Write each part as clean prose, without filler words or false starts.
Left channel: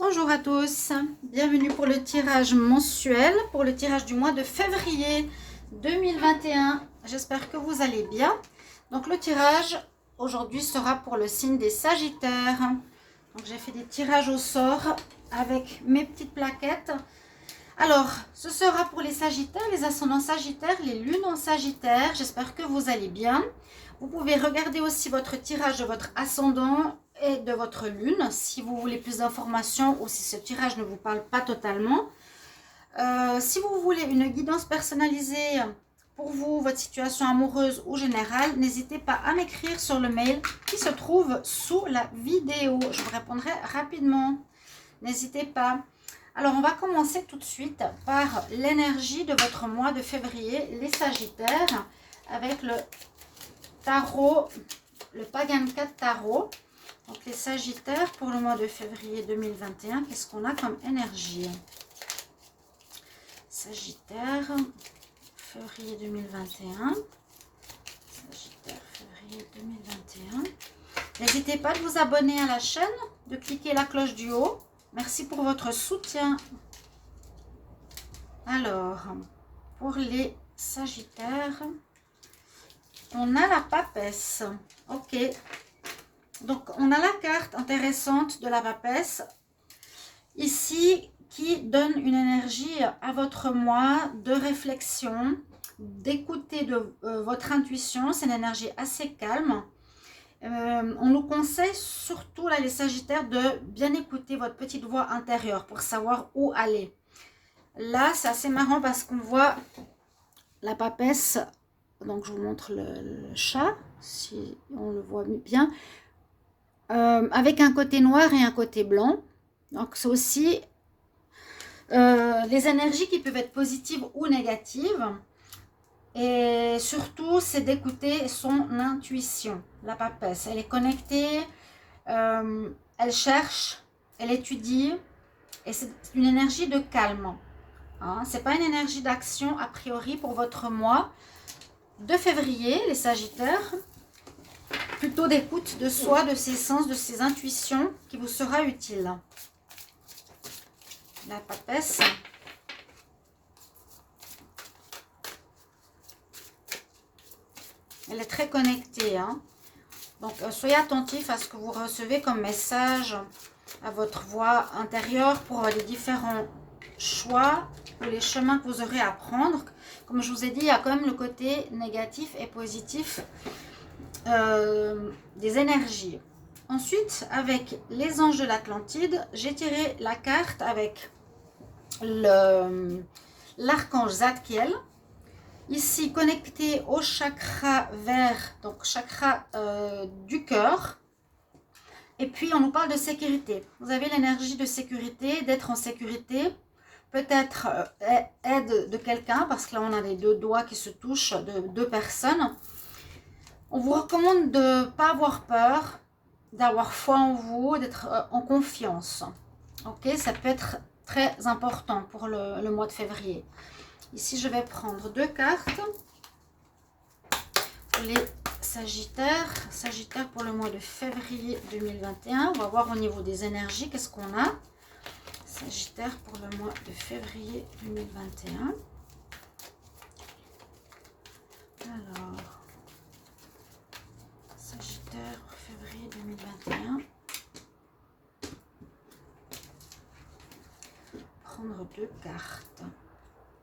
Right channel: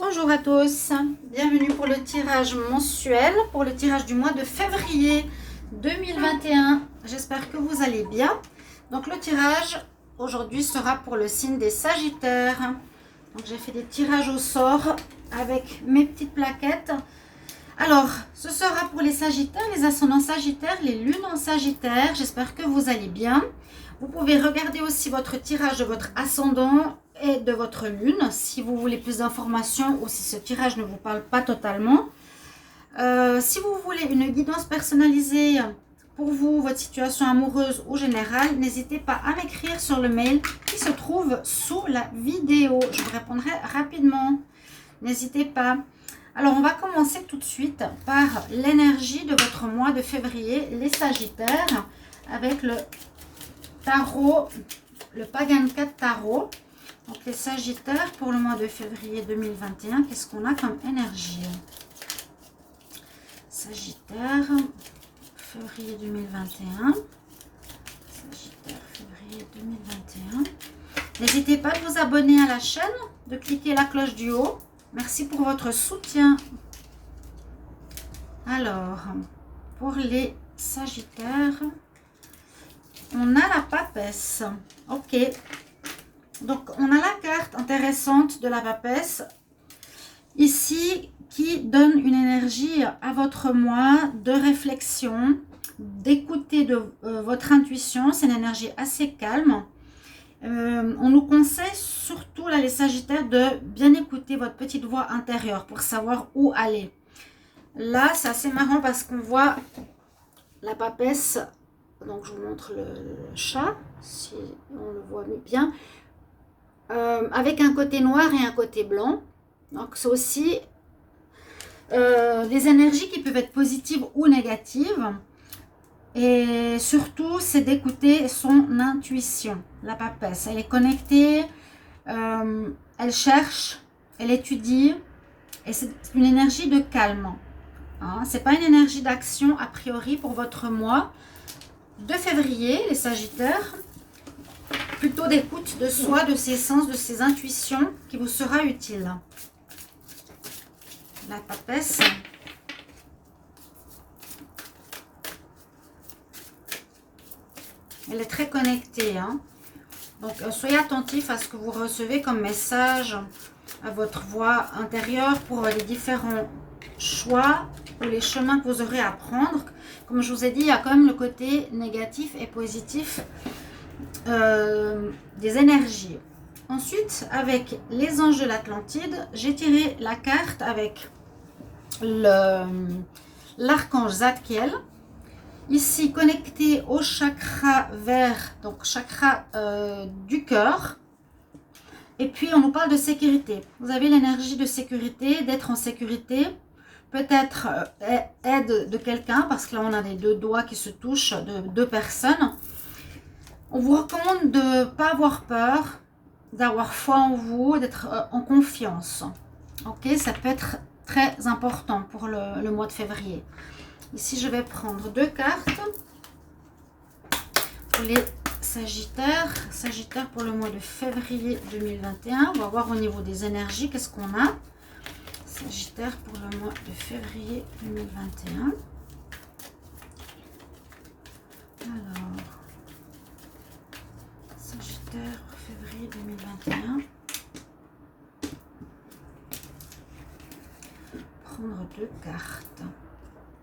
Bonjour à tous, bienvenue pour le tirage mensuel, pour le tirage du mois de février 2021. J'espère que vous allez bien. Donc le tirage aujourd'hui sera pour le signe des Sagittaires. Donc j'ai fait des tirages au sort avec mes petites plaquettes. Alors, ce sera pour les Sagittaires, les ascendants Sagittaires, les lunes en Sagittaire. J'espère que vous allez bien. Vous pouvez regarder aussi votre tirage de votre ascendant et de votre lune si vous voulez plus d'informations ou si ce tirage ne vous parle pas totalement. Si vous voulez une guidance personnalisée pour vous, votre situation amoureuse ou générale, n'hésitez pas à m'écrire sur le mail qui se trouve sous la vidéo. Je vous répondrai rapidement. N'hésitez pas. Alors, on va commencer tout de suite par l'énergie de votre mois de février, les Sagittaires, avec le tarot, le Pagan 4 tarot. Donc, les Sagittaires pour le mois de février 2021, qu'est-ce qu'on a comme énergie? Sagittaire, février 2021. Sagittaire, février 2021. N'hésitez pas à vous abonner à la chaîne, de cliquer la cloche du haut. Merci pour votre soutien. Alors, pour les Sagittaires, on a la papesse. Ok. Donc, on a la carte intéressante de la papesse. Ici, qui donne une énergie à votre mois de réflexion, d'écouter de votre intuition. C'est une énergie assez calme. On nous conseille surtout, là, les Sagittaires, de bien écouter votre petite voix intérieure pour savoir où aller. Là, c'est assez marrant parce qu'on voit la papesse. Donc, je vous montre le chat, si on le voit bien. Avec un côté noir et un côté blanc. Donc, c'est aussi des énergies qui peuvent être positives ou négatives. Et surtout, c'est d'écouter son intuition. La papesse, elle est connectée, elle cherche, elle étudie. Et c'est une énergie de calme. Hein, ce n'est pas une énergie d'action a priori pour votre mois de février, les Sagittaires. Plutôt d'écoute de soi, de ses sens, de ses intuitions qui vous sera utile. La papesse. Elle est très connectée. Hein. Donc, soyez attentifs à ce que vous recevez comme message à votre voix intérieure pour les différents choix ou les chemins que vous aurez à prendre. Comme je vous ai dit, il y a quand même le côté négatif et positif des énergies. Ensuite, avec les anges de l'Atlantide, j'ai tiré la carte avec l'archange Zadkiel. Ici, connecté au chakra vert, donc chakra du cœur. Et puis, on nous parle de sécurité. Vous avez l'énergie de sécurité, d'être en sécurité. Peut-être aide de quelqu'un, parce que là, on a des deux doigts qui se touchent, de deux personnes. On vous recommande de ne pas avoir peur, d'avoir foi en vous, d'être en confiance. Ok, ça peut être très important pour le mois de février. Ici, je vais prendre deux cartes pour les Sagittaires. Sagittaire pour le mois de février 2021. On va voir au niveau des énergies, qu'est-ce qu'on a. Sagittaire pour le mois de février 2021. Alors, Sagittaire, février 2021. Prendre deux cartes.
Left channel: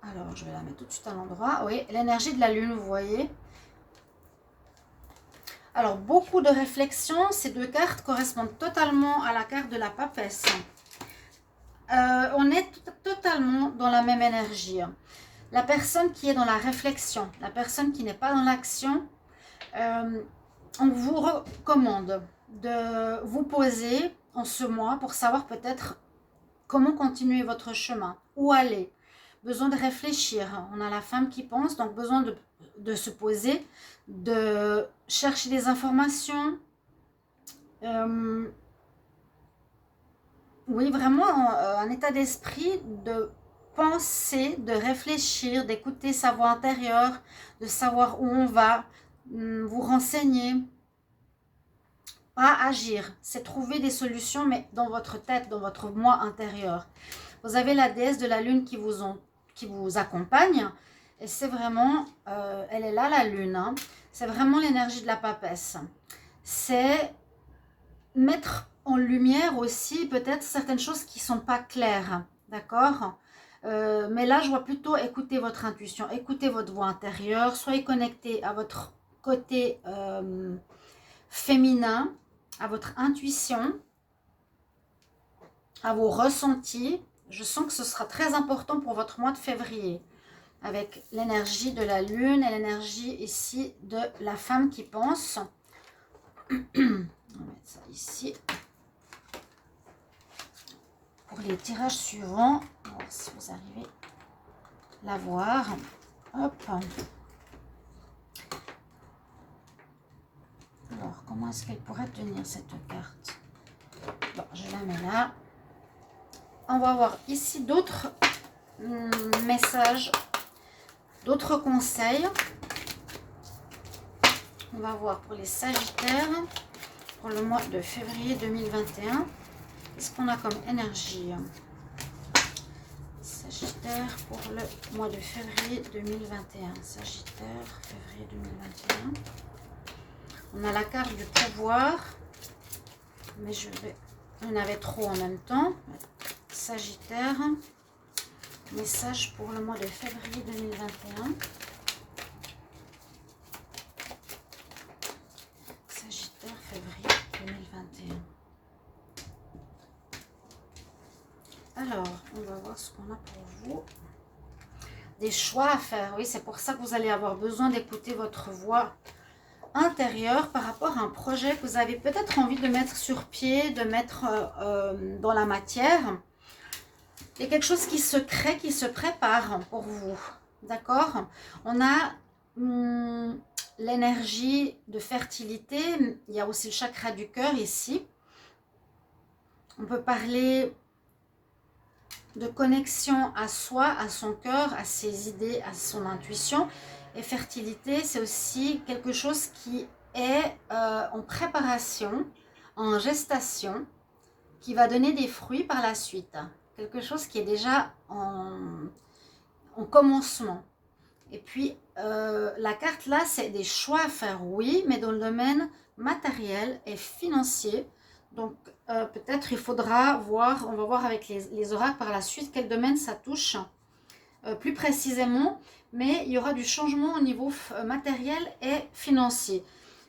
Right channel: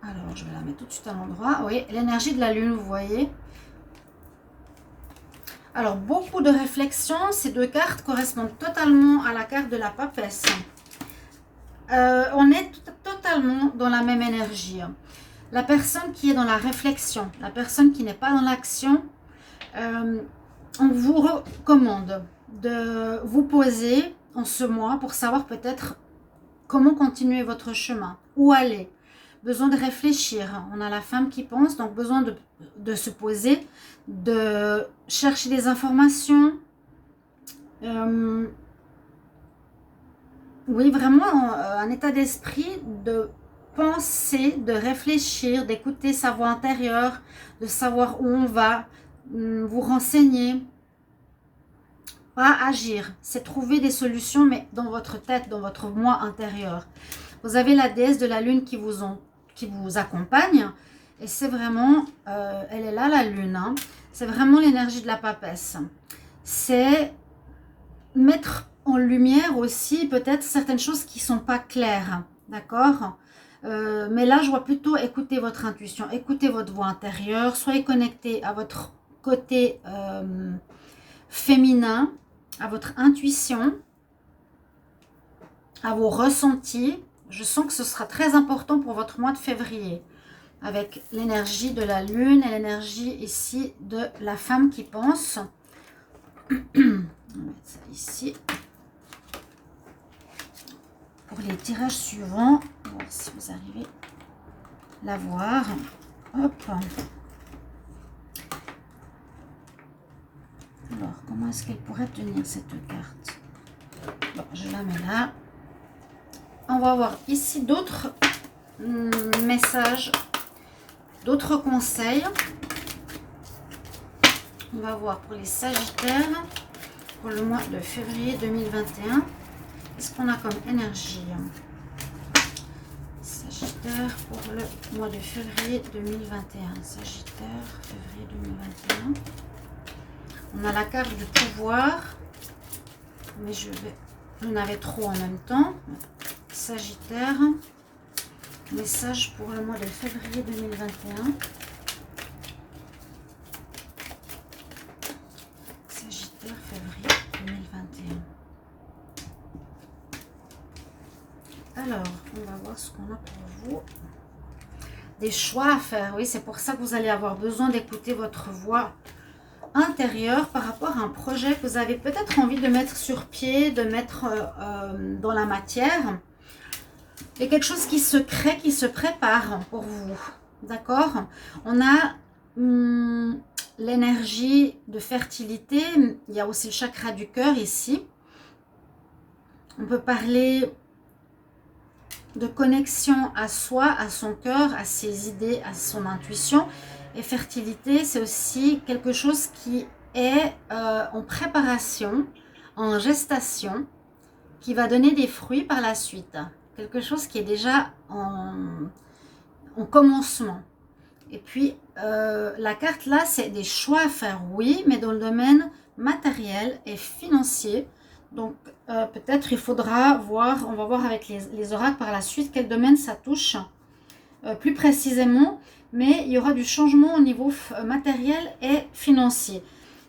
Alors, je vais la mettre tout de suite à l'endroit. Oui, l'énergie de la lune, vous voyez. Alors, beaucoup de réflexions. Ces deux cartes correspondent totalement à la carte de la papesse. On est totalement dans la même énergie. La personne qui est dans la réflexion, la personne qui n'est pas dans l'action, on vous recommande de vous poser en ce mois pour savoir peut-être comment continuer votre chemin, où aller. Besoin de réfléchir. On a la femme qui pense, donc besoin de se poser, de chercher des informations. Oui, vraiment un état d'esprit de penser, de réfléchir, d'écouter sa voix intérieure, de savoir où on va, vous renseigner. pas agir, c'est trouver des solutions, mais dans votre tête, dans votre moi intérieur. Vous avez la déesse de la lune qui vous accompagne, et c'est vraiment, elle est là la lune, hein. C'est vraiment l'énergie de la papesse. C'est mettre en lumière aussi peut-être certaines choses qui ne sont pas claires, d'accord? Mais là, je vois plutôt écouter votre intuition, écouter votre voix intérieure, soyez connecté à votre côté féminin, à votre intuition, à vos ressentis. Je sens que ce sera très important pour votre mois de février, avec l'énergie de la lune et l'énergie ici de la femme qui pense. On va mettre ça ici. Pour les tirages suivants, on va voir si vous arrivez à la voir. Hop. Alors, comment est-ce qu'elle pourrait tenir cette carte? Bon, je la mets là. On va voir ici d'autres messages, d'autres conseils. On va voir pour les Sagittaires, pour le mois de février 2021. Qu'est-ce qu'on a comme énergie? Sagittaire pour le mois de février 2021. Sagittaire, février 2021. On a la carte du pouvoir, mais je vais... On avait trop en même temps. Sagittaire, message pour le mois de février 2021. Sagittaire, février 2021. Alors, on va voir ce qu'on a pour vous. Des choix à faire, oui, c'est pour ça que vous allez avoir besoin d'écouter votre voix intérieure par rapport à un projet que vous avez peut-être envie de mettre sur pied, de mettre dans la matière. Il y a quelque chose qui se crée, qui se prépare pour vous, d'accord? On a l'énergie de fertilité, il y a aussi le chakra du cœur ici. On peut parler de connexion à soi, à son cœur, à ses idées, à son intuition. Et fertilité, c'est aussi quelque chose qui est en préparation, en gestation, qui va donner des fruits par la suite. Quelque chose qui est déjà en commencement. Et puis, la carte là, c'est des choix à faire, oui, mais dans le domaine matériel et financier. Donc, peut-être il faudra voir, on va voir avec les oracles par la suite, quel domaine ça touche plus précisément. Mais il y aura du changement au niveau matériel et financier.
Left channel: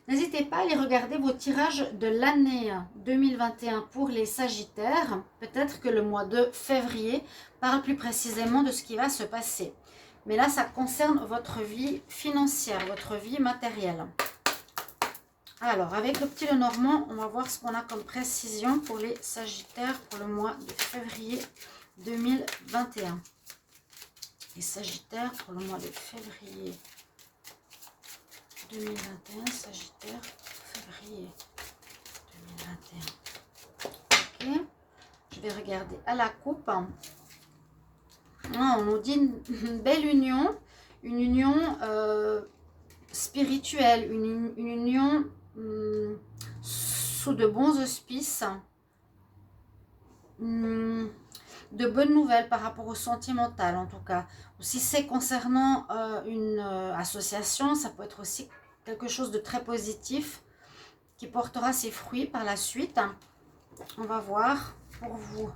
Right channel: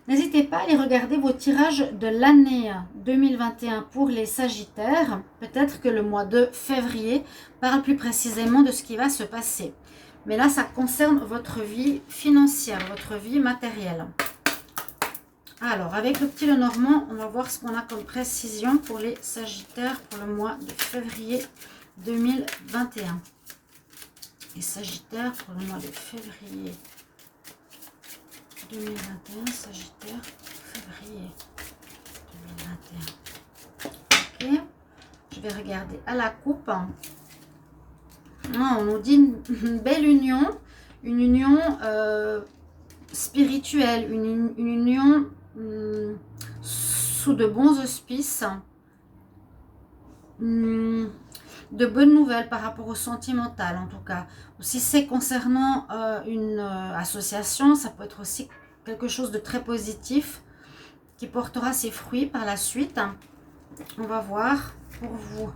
N'hésitez pas à aller regarder vos tirages de l'année 2021 pour les Sagittaires. Peut-être que le mois de février parle plus précisément de ce qui va se passer. Mais là, ça concerne votre vie financière, votre vie matérielle. Alors, avec le petit Lenormand, on va voir ce qu'on a comme précision pour les Sagittaires pour le mois de février 2021. Les Sagittaires pour le mois de février 2021, Sagittaire, février 2021. Ok, je vais regarder à la coupe. Non, on nous dit une belle union, une union spirituelle, une union sous de bons auspices. De bonnes nouvelles par rapport au sentimental en tout cas. Ou si c'est concernant une association, ça peut être aussi quelque chose de très positif qui portera ses fruits par la suite. On va voir pour vous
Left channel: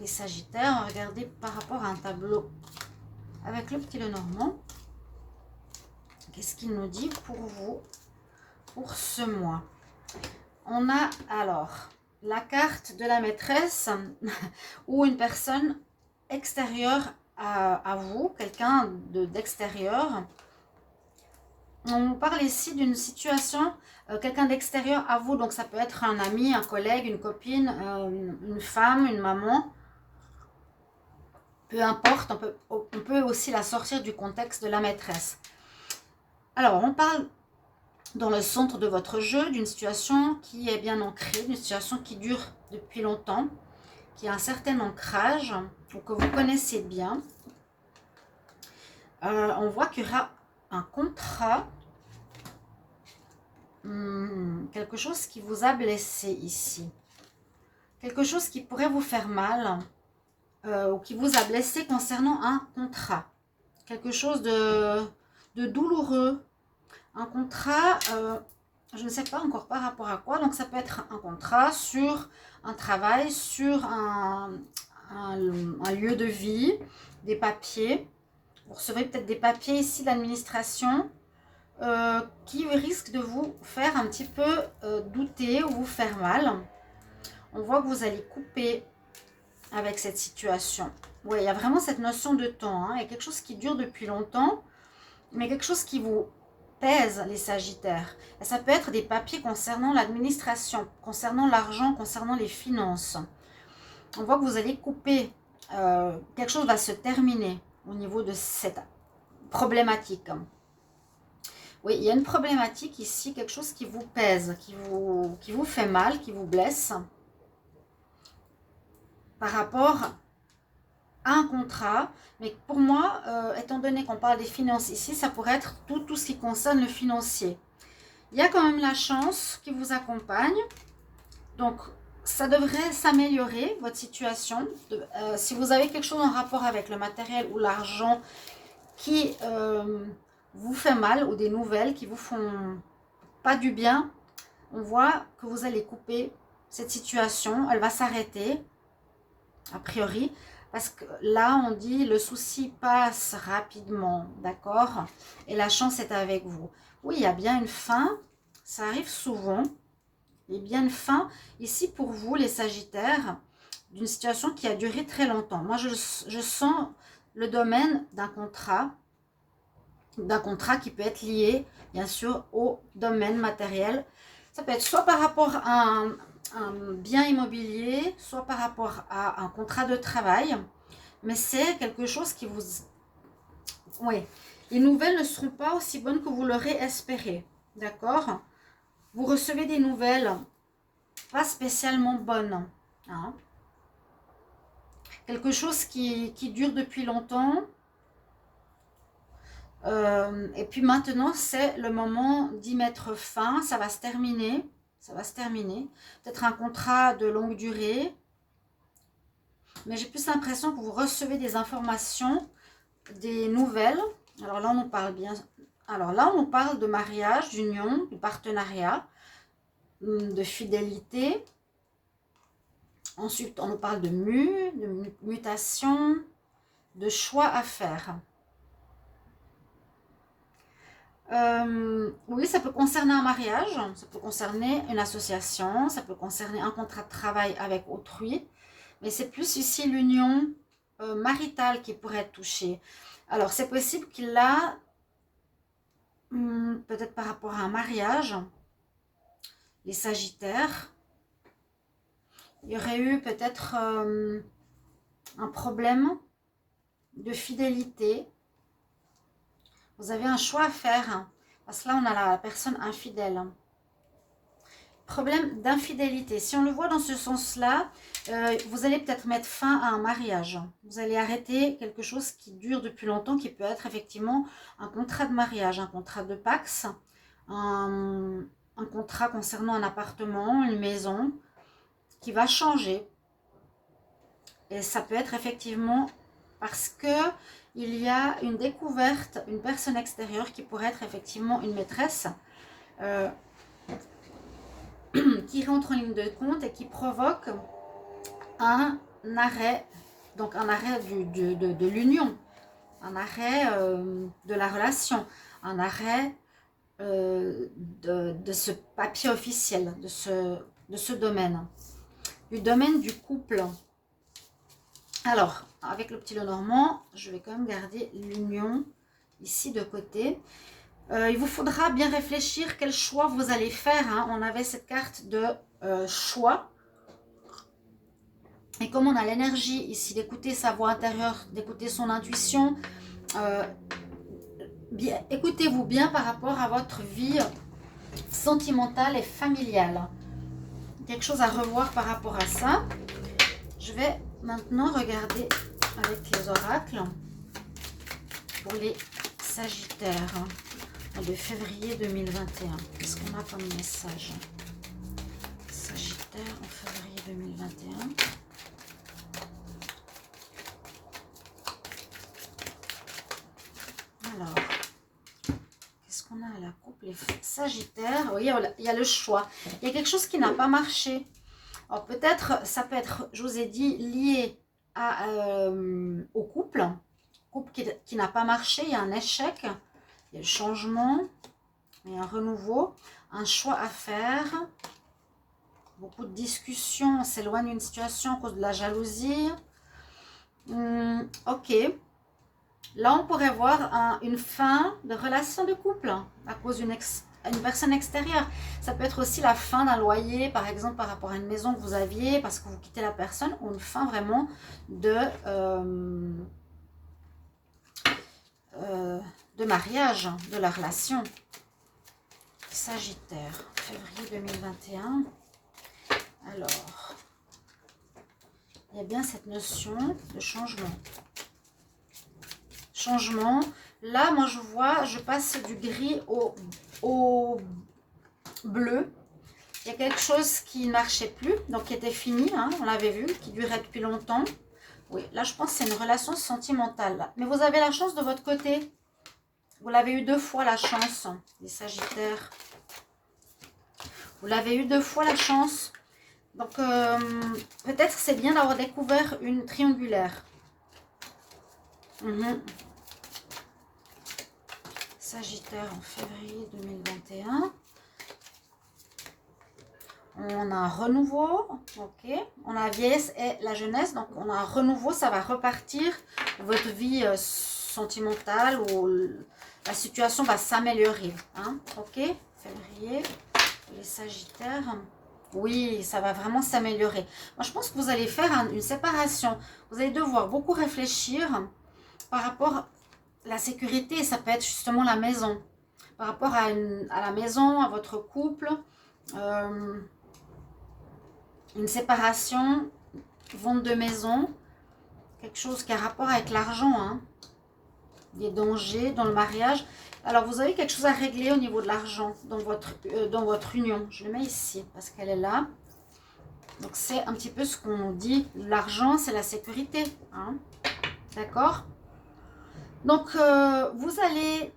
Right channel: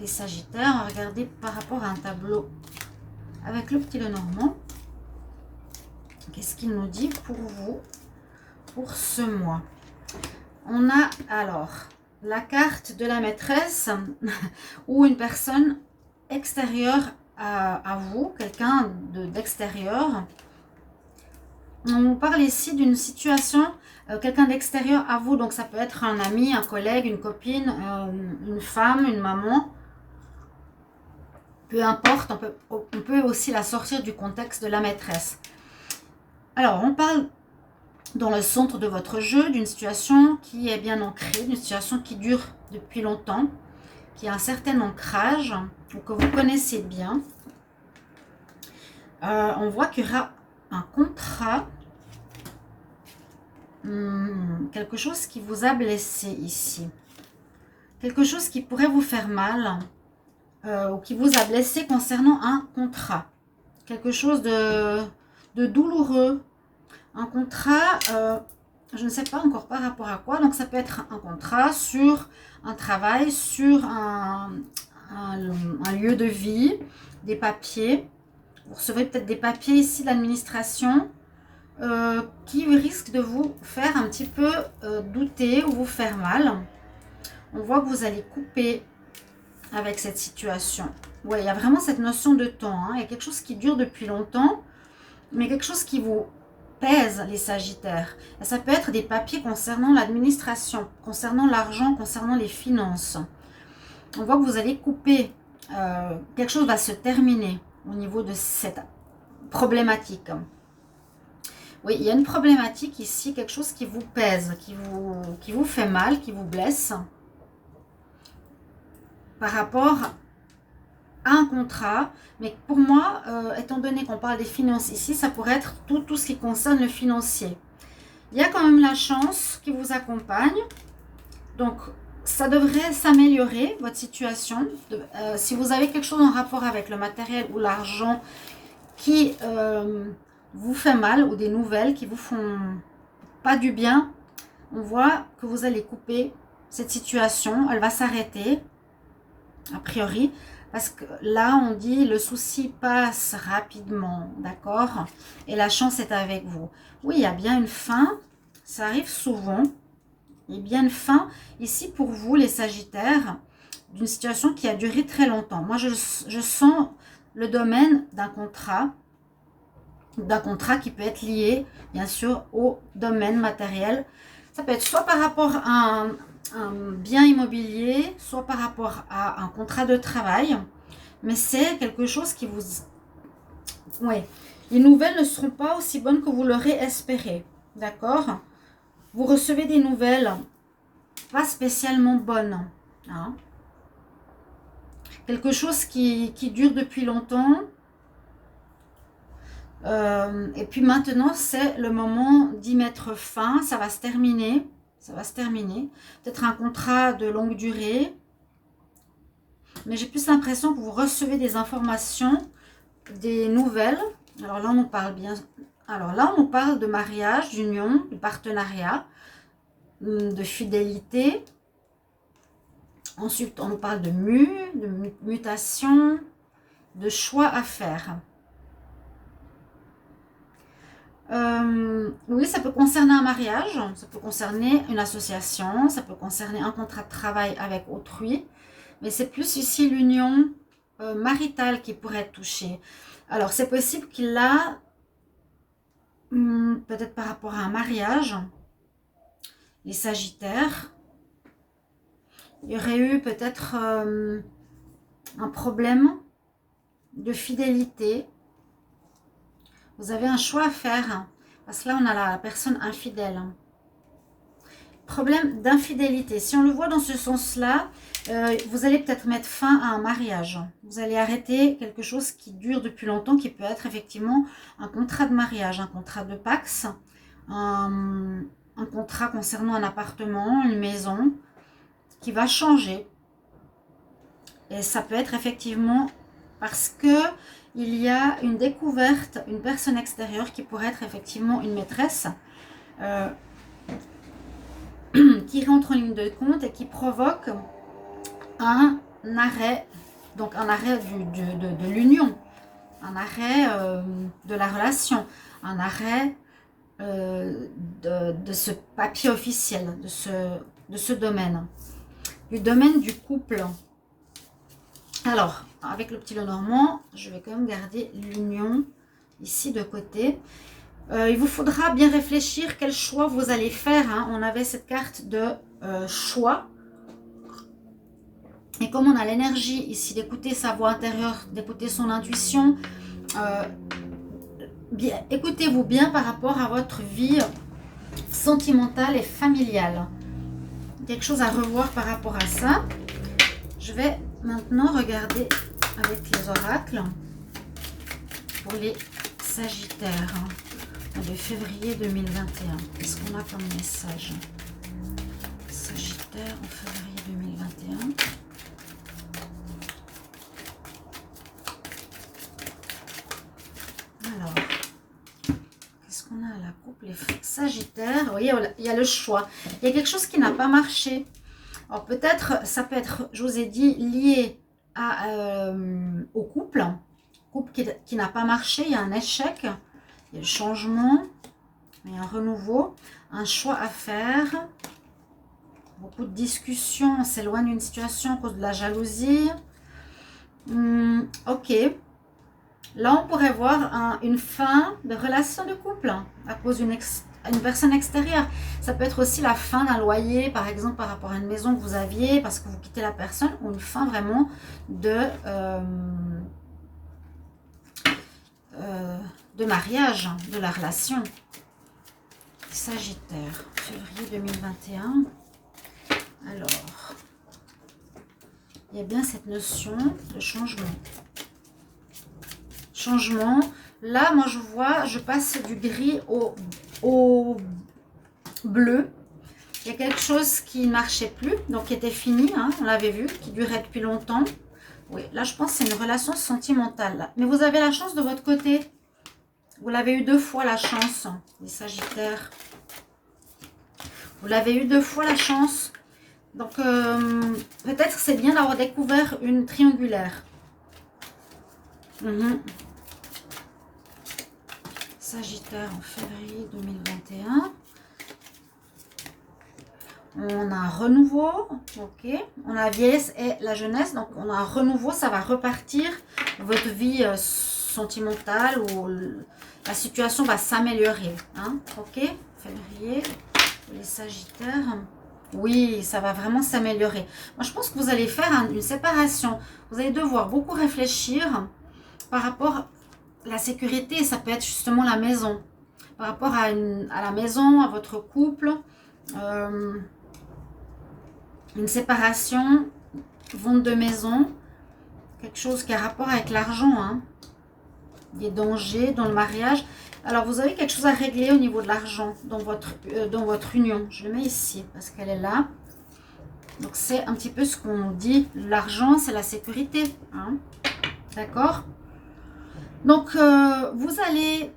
les Sagittaires. On va regarder par rapport à un tableau avec le petit Lenormand. Qu'est-ce qu'il nous dit pour vous pour ce mois? On a alors la carte de la maîtresse ou une personne extérieure à vous, quelqu'un d'extérieur. On nous parle ici d'une situation, quelqu'un d'extérieur à vous, donc ça peut être un ami, un collègue, une copine, une femme, une maman. Peu importe, on peut aussi la sortir du contexte de la maîtresse. Alors, on parle dans le centre de votre jeu, d'une situation qui est bien ancrée, d'une situation qui dure depuis longtemps, qui a un certain ancrage, ou que vous connaissez bien. On voit qu'il y aura un contrat quelque chose qui vous a blessé ici. Quelque chose qui pourrait vous faire mal ou qui vous a blessé concernant un contrat. Quelque chose de douloureux. Un contrat, je ne sais pas encore par rapport à quoi. Donc ça peut être un contrat sur un travail, sur un lieu de vie, des papiers. Vous recevez peut-être des papiers ici d'administration qui risquent de vous faire un petit peu douter ou vous faire mal. On voit que vous allez couper avec cette situation. Oui, il y a vraiment cette notion de temps. Il y a quelque chose qui dure depuis longtemps, mais quelque chose qui vous pèse, les Sagittaires. Et ça peut être des papiers concernant l'administration, concernant l'argent, concernant les finances. On voit que vous allez couper. Quelque chose va se terminer au niveau de cette problématique. Oui, il y a une problématique ici, quelque chose qui vous pèse, qui vous fait mal, qui vous blesse par rapport à un contrat. Mais pour moi, étant donné qu'on parle des finances ici, ça pourrait être tout ce qui concerne le financier. Il y a quand même la chance qui vous accompagne. Donc, ça devrait s'améliorer, votre situation. Si vous avez quelque chose en rapport avec le matériel ou l'argent qui vous fait mal, ou des nouvelles qui vous font pas du bien, on voit que vous allez couper cette situation. Elle va s'arrêter, a priori, parce que là, on dit le souci passe rapidement, d'accord? Et la chance est avec vous. Oui, il y a bien une fin, ça arrive souvent. Il y a bien une fin ici pour vous, les Sagittaires, d'une situation qui a duré très longtemps. Moi, je sens le domaine d'un contrat qui peut être lié, bien sûr, au domaine matériel. Ça peut être soit par rapport à un bien immobilier, soit par rapport à un contrat de travail. Mais c'est quelque chose qui vous... Oui, les nouvelles ne seront pas aussi bonnes que vous l'aurez espéré. D'accord? Vous recevez des nouvelles pas spécialement bonnes. Hein? Quelque chose qui dure depuis longtemps. Et puis maintenant, c'est le moment d'y mettre fin. Ça va se terminer. Ça va se terminer. Peut-être un contrat de longue durée. Mais j'ai plus l'impression que vous recevez des informations, des nouvelles. Alors là, on nous parle bien. Alors là, on nous parle de mariage, d'union, de partenariat, de fidélité. Ensuite, on nous parle de mutation, de choix à faire. Oui, ça peut concerner un mariage, ça peut concerner une association, ça peut concerner un contrat de travail avec autrui. Mais c'est plus ici l'union maritale qui pourrait être touchée. Alors, c'est possible qu'il a, peut-être par rapport à un mariage, les Sagittaires, il y aurait eu peut-être un problème de fidélité. Vous avez un choix à faire, parce que là, on a la personne infidèle. Problème d'infidélité. Si on le voit dans ce sens-là, vous allez peut-être mettre fin à un mariage. Vous allez arrêter quelque chose qui dure depuis longtemps, qui peut être effectivement un contrat de mariage, un contrat de Pacs, un contrat concernant un appartement, une maison, qui va changer. Et ça peut être effectivement parce que il y a une découverte, une personne extérieure qui pourrait être effectivement une maîtresse qui rentre en ligne de compte et qui provoque un arrêt, donc un arrêt de l'union, un arrêt de la relation, un arrêt de ce papier officiel, de ce domaine, du domaine du couple. Alors, avec le petit Lenormand, je vais quand même garder l'union ici de côté. Il vous faudra bien réfléchir quel choix vous allez faire. Hein. On avait cette carte de choix. Et comme on a l'énergie ici d'écouter sa voix intérieure, d'écouter son intuition, écoutez-vous bien par rapport à votre vie sentimentale et familiale. Quelque chose à revoir par rapport à ça. Je vais maintenant regarder avec les oracles pour les Sagittaires. de février 2021. Qu'est-ce qu'on a comme message? Sagittaire en février 2021. Alors, qu'est-ce qu'on a à la coupe? Les Sagittaires, oui, il y a le choix. Il y a quelque chose qui n'a pas marché. Alors peut-être, ça peut être, je vous ai dit, lié au couple qui n'a pas marché. Il y a un échec, il y a le changement, il y a un renouveau, un choix à faire. Beaucoup de discussions, on s'éloigne d'une situation à cause de la jalousie. Ok. Là, on pourrait voir une fin de relation de couple à cause d'une personne extérieure. Ça peut être aussi la fin d'un loyer, par exemple, par rapport à une maison que vous aviez, parce que vous quittez la personne, ou une fin vraiment de mariage, de la relation. Sagittaire, février 2021. Alors, il y a bien cette notion de changement. Changement. Là, moi, je vois, je passe du gris au bleu. Il y a quelque chose qui ne marchait plus, donc qui était fini, hein, on l'avait vu, qui durait depuis longtemps. Oui, là, je pense que c'est une relation sentimentale. Mais vous avez la chance de votre côté. Vous l'avez eu 2 fois, la chance, les Sagittaires. Vous l'avez eu 2 fois, la chance. Donc, peut-être c'est bien d'avoir découvert une triangulaire. Sagittaire en février 2021. On a un renouveau, ok. On a la vieillesse et la jeunesse, donc on a un renouveau, ça va repartir. Votre vie sentimentale ou la situation va s'améliorer, hein, ok. Février, les Sagittaires. Oui, ça va vraiment s'améliorer. Moi, je pense que vous allez faire une séparation. Vous allez devoir beaucoup réfléchir par rapport à la sécurité. Ça peut être justement la maison. Par rapport à la maison, à votre couple. Une séparation, vente de maison. Quelque chose qui a rapport avec l'argent. Hein. Des dangers dans le mariage. Alors, vous avez quelque chose à régler au niveau de l'argent dans votre union. Je le mets ici parce qu'elle est là. Donc, c'est un petit peu ce qu'on dit. L'argent, c'est la sécurité. Hein. D'accord? Donc, vous allez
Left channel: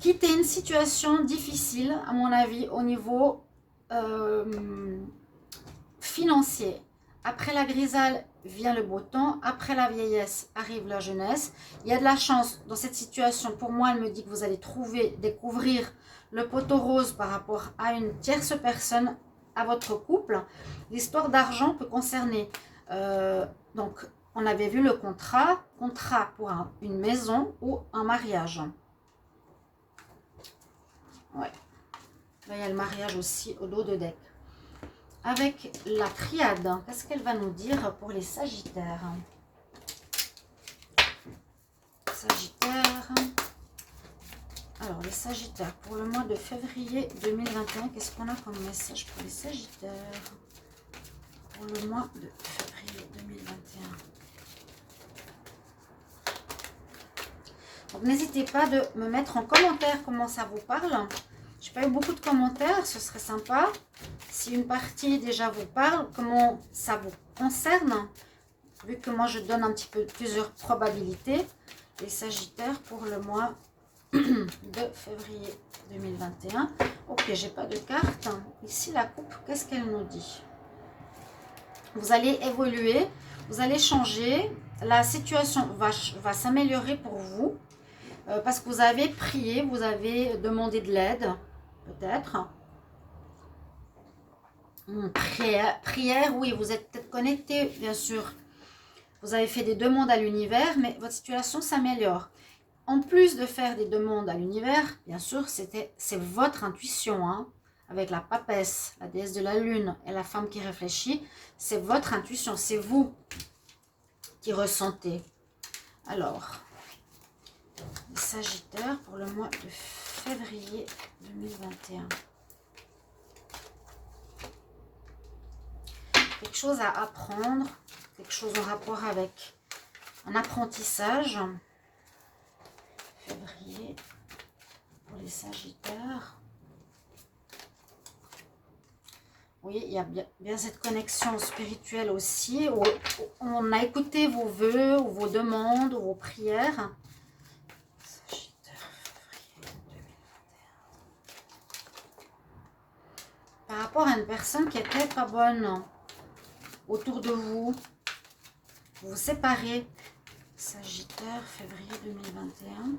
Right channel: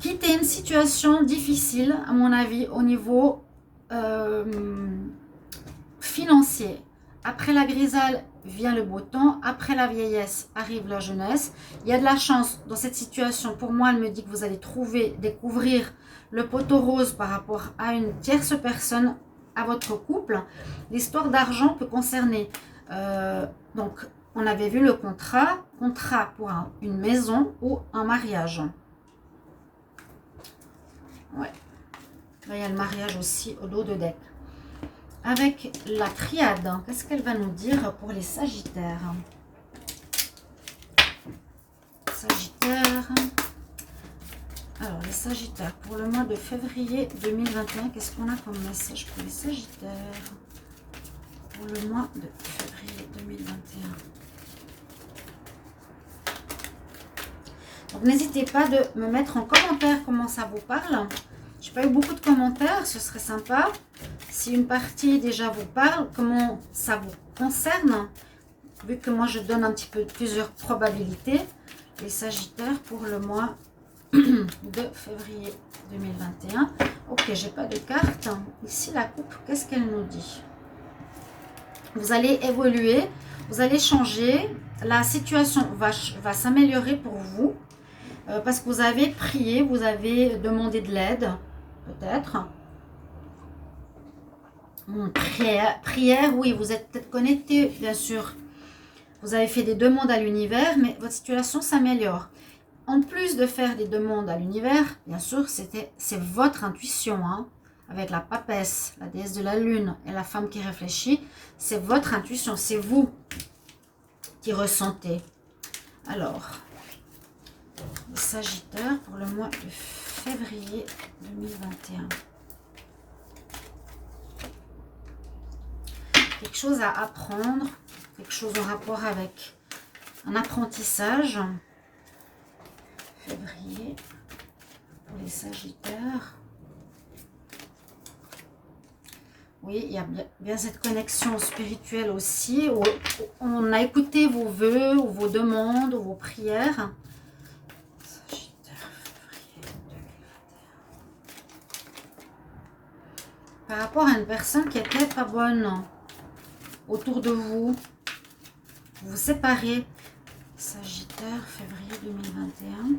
quitter une situation difficile, à mon avis, au niveau financier. Après la grisaille vient le beau temps, après la vieillesse arrive la jeunesse. Il y a de la chance dans cette situation. Pour moi, elle me dit que vous allez découvrir le poteau rose par rapport à une tierce personne, à votre couple. L'histoire d'argent peut concerner, donc on avait vu le contrat pour une maison ou un mariage. Ouais. Là, il y a le mariage aussi au dos de deck. Avec la triade, qu'est-ce qu'elle va nous dire pour les Sagittaires? Sagittaire. Alors, les Sagittaires, pour le mois de février 2021, qu'est-ce qu'on a comme message pour les Sagittaires? Pour le mois de février 2021. Donc, n'hésitez pas de me mettre en commentaire comment ça vous parle. Je n'ai pas eu beaucoup de commentaires, ce serait sympa. Si une partie déjà vous parle, comment ça vous concerne, vu que moi je donne un petit peu plusieurs probabilités. Les Sagittaires pour le mois de février 2021. Ok, j'ai pas de carte. Ici la coupe, qu'est-ce qu'elle nous dit? Vous allez évoluer, vous allez changer. La situation va s'améliorer pour vous. Parce que vous avez prié, vous avez demandé de l'aide, peut-être. Prière, oui, vous êtes peut-être connecté, bien sûr. Vous avez fait des demandes à l'univers, mais votre situation s'améliore. En plus de faire des demandes à l'univers, bien sûr, c'est votre intuition, hein, avec la papesse, la déesse de la lune et la femme qui réfléchit. C'est votre intuition, c'est vous qui ressentez. Alors, les Sagittaires pour le mois de février 2021. Quelque chose à apprendre, quelque chose en rapport avec un apprentissage. Février pour les Sagittaires. Oui, il y a bien cette connexion spirituelle aussi, où on a écouté vos vœux, ou vos demandes, ou vos prières. Sagittaire, février 2021. Par rapport à une personne qui était pas bonne autour de vous, vous vous séparez. Sagittaire, février 2021. En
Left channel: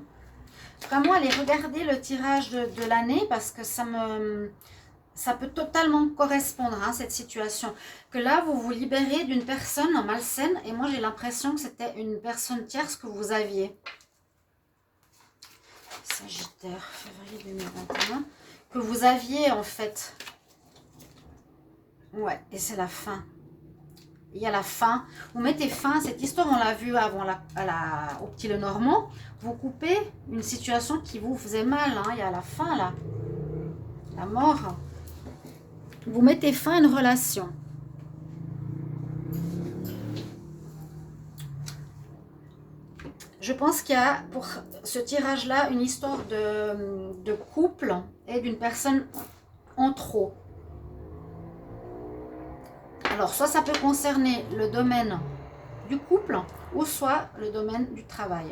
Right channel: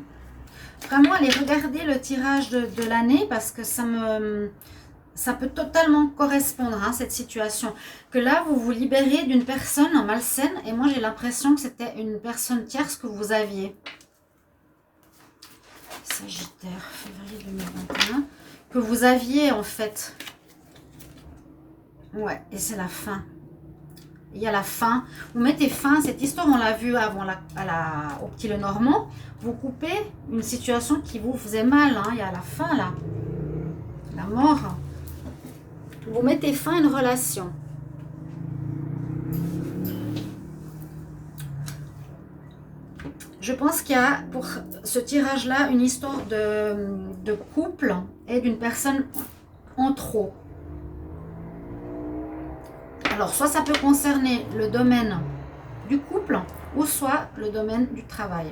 tout cas, moi, allez regarder le tirage de l'année parce que ça peut totalement correspondre à cette situation. Que là, vous vous libérez d'une personne malsaine et moi, j'ai l'impression que c'était une personne tierce que vous aviez. Sagittaire, février 2021. Que vous aviez en fait. Ouais, et c'est la fin. Il y a la fin. Vous mettez fin à cette histoire, on l'a vu avant au Petit Lenormand. Vous coupez une situation qui vous faisait mal. Hein. Il y a la fin là. La mort. Vous mettez fin à une relation. Je pense qu'il y a pour ce tirage-là une histoire de couple et d'une personne en trop. Alors, soit ça peut concerner le domaine du couple ou soit le domaine du travail.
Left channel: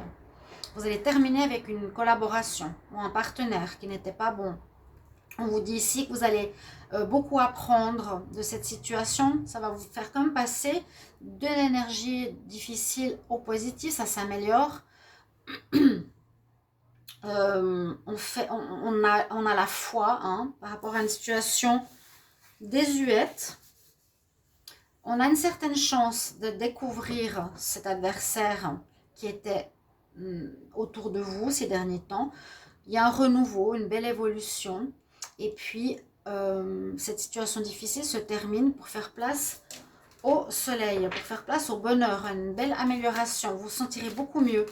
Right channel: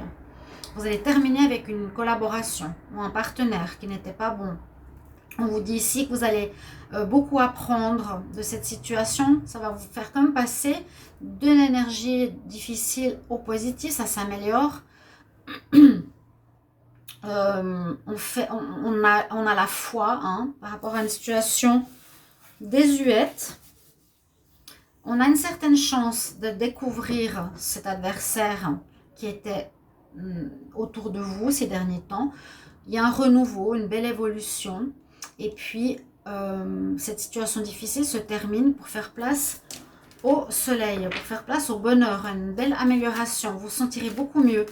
Vous allez terminer avec une collaboration ou un partenaire qui n'était pas bon. On vous dit ici que vous allez beaucoup apprendre de cette situation. Ça va vous faire comme passer de l'énergie difficile au positif. Ça s'améliore. On a la foi par rapport à une situation désuète. On a une certaine chance de découvrir cet adversaire qui était autour de vous ces derniers temps. Il y a un renouveau, une belle évolution. Et puis, cette situation difficile se termine pour faire place au soleil, pour faire place au bonheur, une belle amélioration. Vous vous sentirez beaucoup mieux.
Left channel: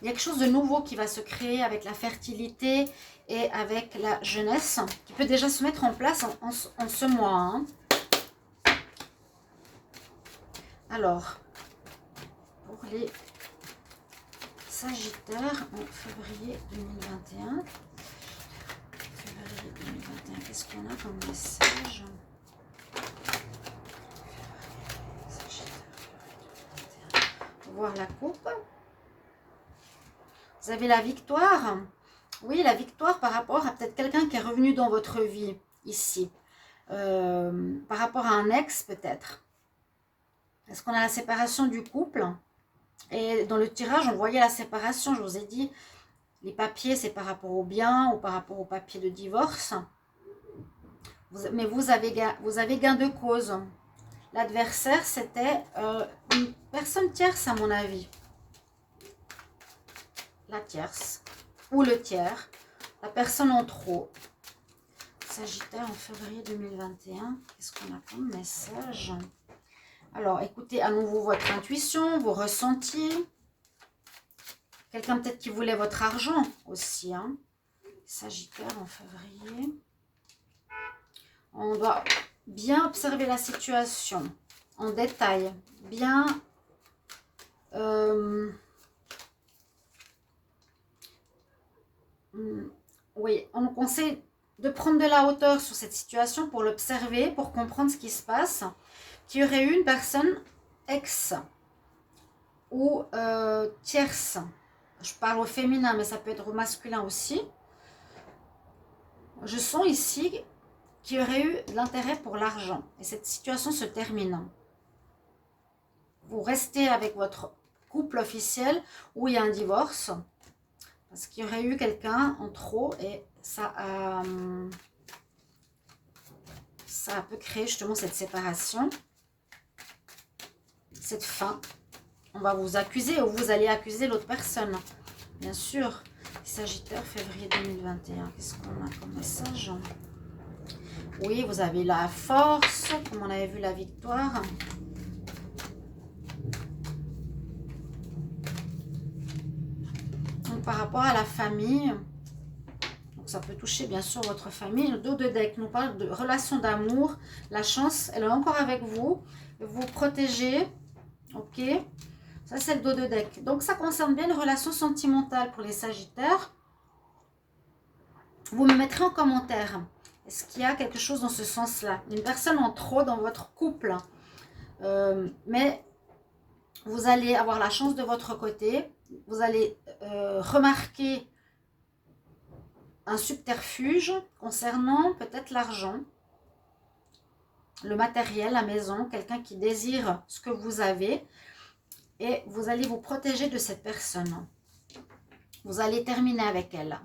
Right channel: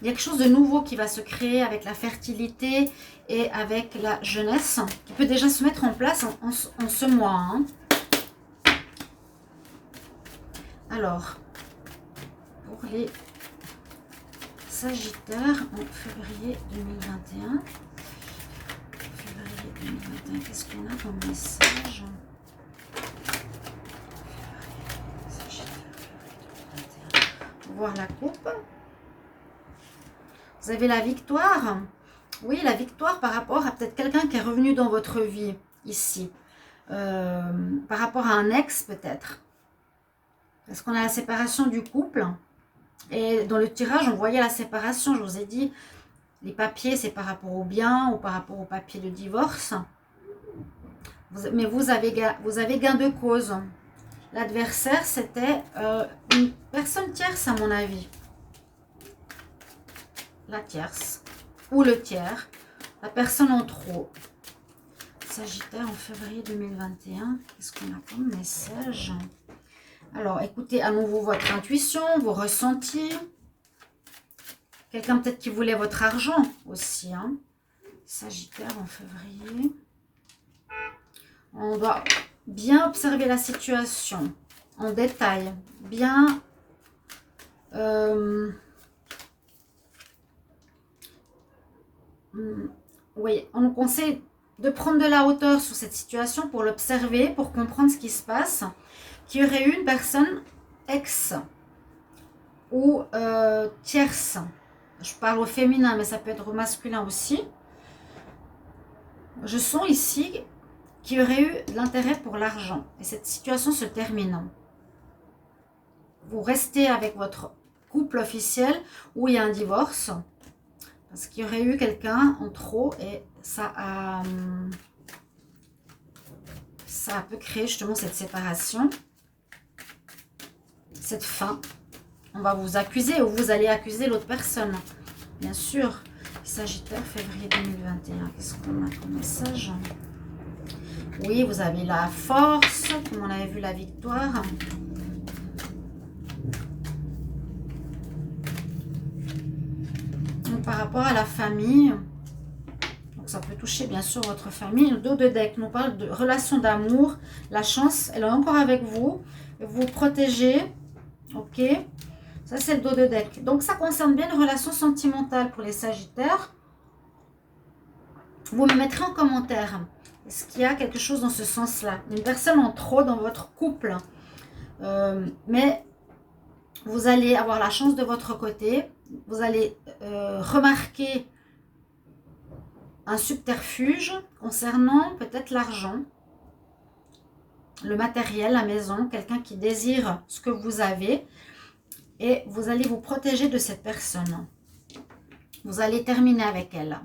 Il y a quelque chose de nouveau qui va se créer avec la fertilité et avec la jeunesse, qui peut déjà se mettre en place en ce mois. Hein. Alors, pour les Sagittaires en février 2021. Février 2021, qu'est-ce qu'on a comme message? Voir la coupe. Vous avez la victoire. Oui, la victoire par rapport à peut-être quelqu'un qui est revenu dans votre vie ici. Par rapport à un ex peut-être. Parce qu'on a la séparation du couple. Et dans le tirage, on voyait la séparation. Je vous ai dit, les papiers, c'est par rapport aux biens ou par rapport aux papiers de divorce. Mais vous avez gain de cause. L'adversaire, c'était une personne tierce, à mon avis. La tierce. Ou le tiers. La personne en trop. Sagittaire en février 2021. Qu'est-ce qu'on a comme message ? Alors, écoutez à nouveau votre intuition, vos ressentis. Quelqu'un peut-être qui voulait votre argent aussi. Hein. Sagittaire en février. On doit bien observer la situation en détail. Bien... oui, on nous conseille de prendre de la hauteur sur cette situation pour l'observer, pour comprendre ce qui se passe. Qu'il y aurait eu une personne ex ou tierce. Je parle au féminin, mais ça peut être au masculin aussi. Je sens ici qu'il y aurait eu de l'intérêt pour l'argent. Et cette situation se termine. Vous restez avec votre couple officiel ou il y a un divorce. Parce qu'il y aurait eu quelqu'un en trop et ça peut créer justement cette séparation. Cette fin, on va vous accuser ou vous allez accuser l'autre personne. Bien sûr, Sagittaire, février 2021. Qu'est-ce qu'on a comme message? Oui, vous avez la force, comme on avait vu la victoire. Donc, par rapport à la famille, donc ça peut toucher bien sûr votre famille. Le dos de deck nous parle de relation d'amour. La chance, elle est encore avec vous. Vous protégez. Ok, ça c'est le dos de deck. Donc ça concerne bien une relation sentimentale pour les Sagittaires. vous me mettrez en commentaire. Est-ce qu'il y a quelque chose dans ce sens-là? Une personne en trop dans votre couple. Mais vous allez avoir la chance de votre côté. Vous allez remarquer un subterfuge concernant peut-être l'argent, le matériel, la maison, quelqu'un qui désire ce que vous avez. Et vous allez vous protéger de cette personne. Vous allez terminer avec elle.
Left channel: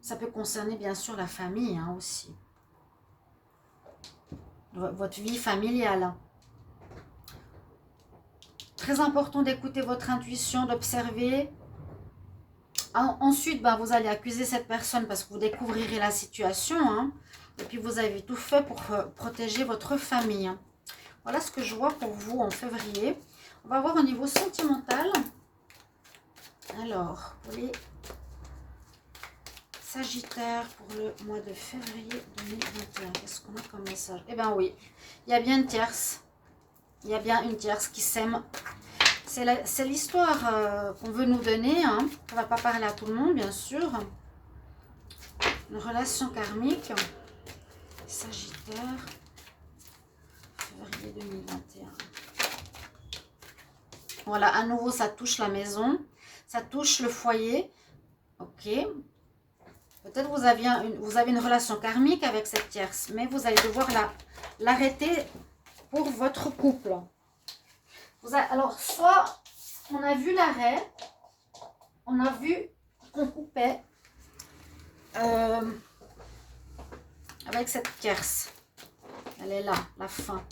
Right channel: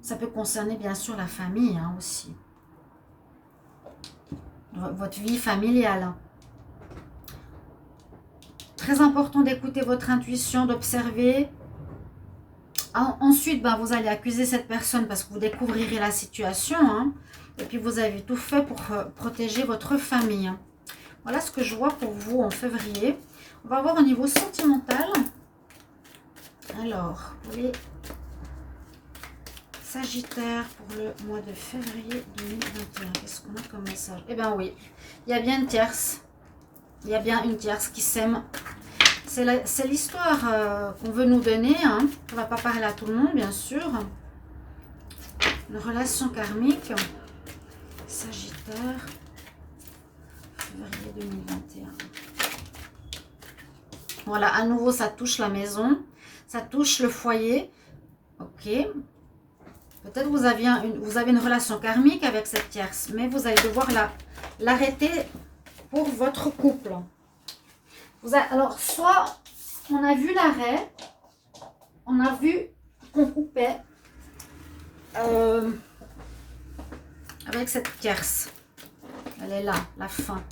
Ça peut concerner bien sûr la famille hein, aussi. Votre vie familiale. Très important d'écouter votre intuition, d'observer. Ensuite, vous allez accuser cette personne parce que vous découvrirez la situation. Hein, et puis, vous avez tout fait pour protéger votre famille. Hein. Voilà ce que je vois pour vous en février. On va voir au niveau sentimental. Alors, pour les Sagittaires, pour le mois de février 2021, qu'est-ce qu'on a comme message? Eh bien oui, il y a bien une tierce. Il y a bien une tierce qui s'aime. C'est l'histoire qu'on veut nous donner. Hein. On ne va pas parler à tout le monde, bien sûr. Une relation karmique. Sagittaire, février 2021. Voilà, à nouveau, ça touche la maison. Ça touche le foyer. Ok. Peut-être vous avez une relation karmique avec cette tierce, mais vous allez devoir l'arrêter pour votre couple. Alors, soit on a vu l'arrêt, on a vu qu'on coupait avec cette tierce. Elle est là, la fin.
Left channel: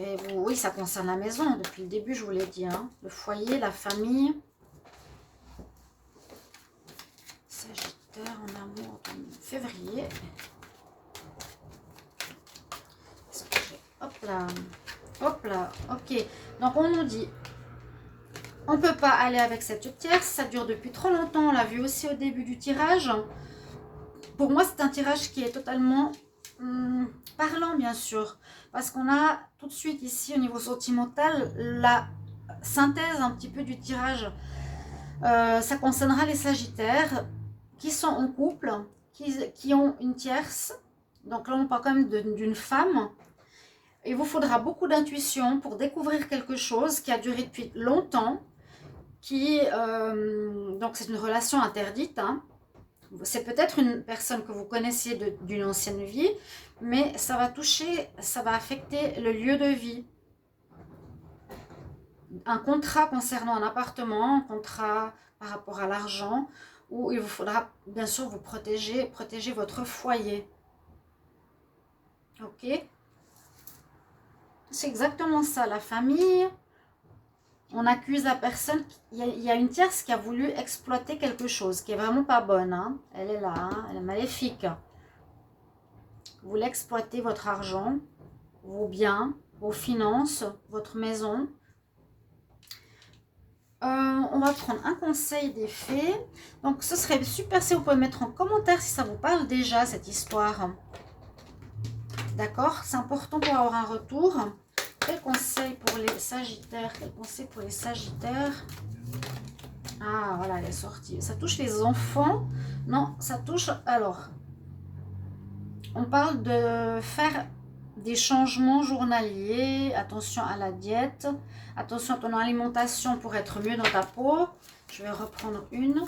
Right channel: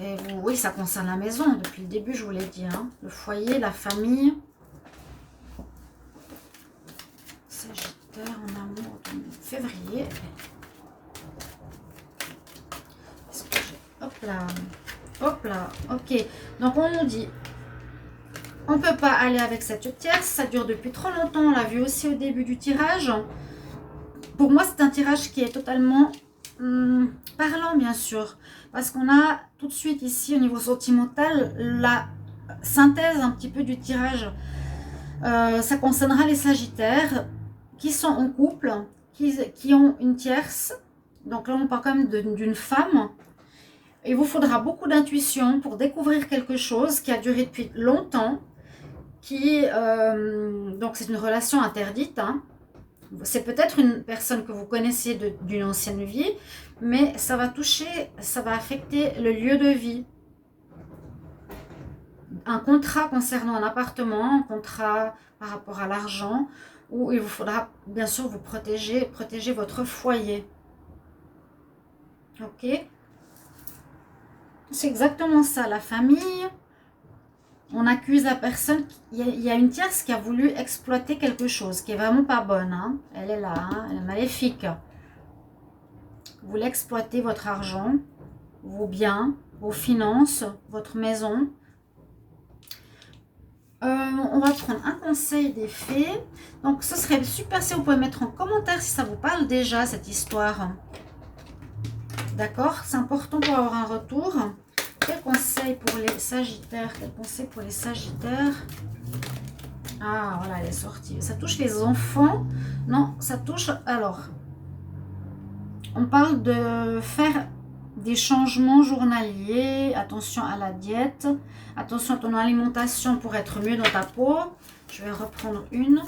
Et oui, ça concerne la maison. Depuis le début, je vous l'ai dit. Hein. Le foyer, la famille. Sagittaire en amour de février. Qu'est-ce que j'ai? Hop là. Hop là. Ok. Donc, on nous dit, on ne peut pas aller avec cette tierce. Ça dure depuis trop longtemps. On l'a vu aussi au début du tirage. Pour moi, c'est un tirage qui est totalement parlant, bien sûr. Parce qu'on a tout de suite ici, au niveau sentimental, la synthèse un petit peu du tirage. Ça concernera les Sagittaires qui sont en couple, qui ont une tierce. Donc là, on parle quand même d'une femme. Il vous faudra beaucoup d'intuition pour découvrir quelque chose qui a duré depuis longtemps. Donc c'est une relation interdite. Hein. C'est peut-être une personne que vous connaissiez d'une ancienne vie, mais ça va toucher, ça va affecter le lieu de vie. Un contrat concernant un appartement, un contrat par rapport à l'argent, où il vous faudra bien sûr vous protéger votre foyer. Ok? C'est exactement ça, la famille. On accuse la personne, il y a une tierce qui a voulu exploiter quelque chose qui est vraiment pas bonne. Hein. Elle est là, hein, elle est maléfique. Vous voulez exploiter votre argent, vos biens, vos finances, votre maison. On va prendre un conseil des fées. Donc ce serait super si vous pouvez mettre en commentaire si ça vous parle déjà cette histoire. D'accord? C'est important pour avoir un retour. Quel conseil pour les Sagittaires? Quel conseil pour les Sagittaires? Ah, voilà, elle est sortie. Ça touche les enfants. Non, ça touche... Alors, on parle de faire des changements journaliers. Attention à la diète. Attention à ton alimentation pour être mieux dans ta peau. Je vais reprendre une.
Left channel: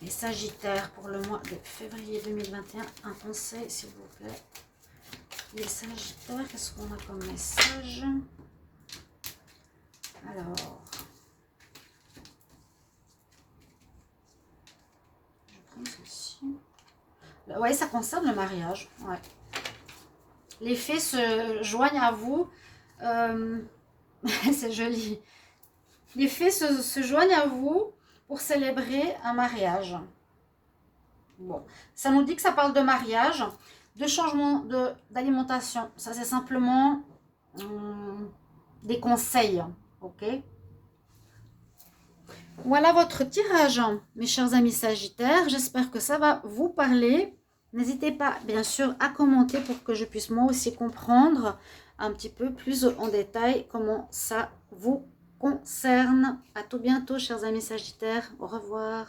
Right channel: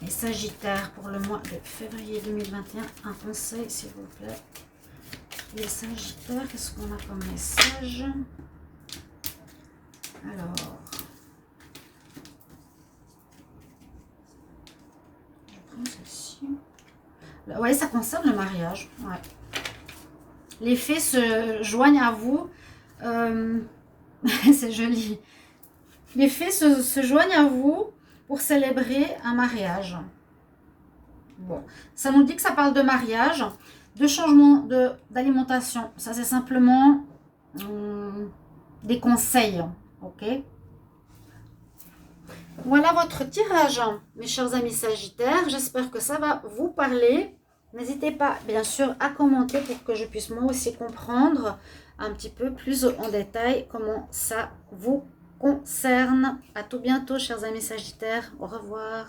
Les Sagittaires pour le mois de février 2021. Un conseil, s'il vous plaît. Les Sagittaires, qu'est-ce qu'on a comme message? Alors, je prends ceci. Oui, ça concerne le mariage. Ouais. Les fées se joignent à vous. C'est joli. Les fées se joignent à vous pour célébrer un mariage. Bon, ça nous dit que ça parle de mariage. De changement d'alimentation, ça c'est simplement des conseils, ok? Voilà votre tirage, mes chers amis Sagittaires. J'espère que ça va vous parler. N'hésitez pas, bien sûr, à commenter pour que je puisse moi aussi comprendre un petit peu plus en détail comment ça vous concerne. À tout bientôt, chers amis Sagittaires. Au revoir.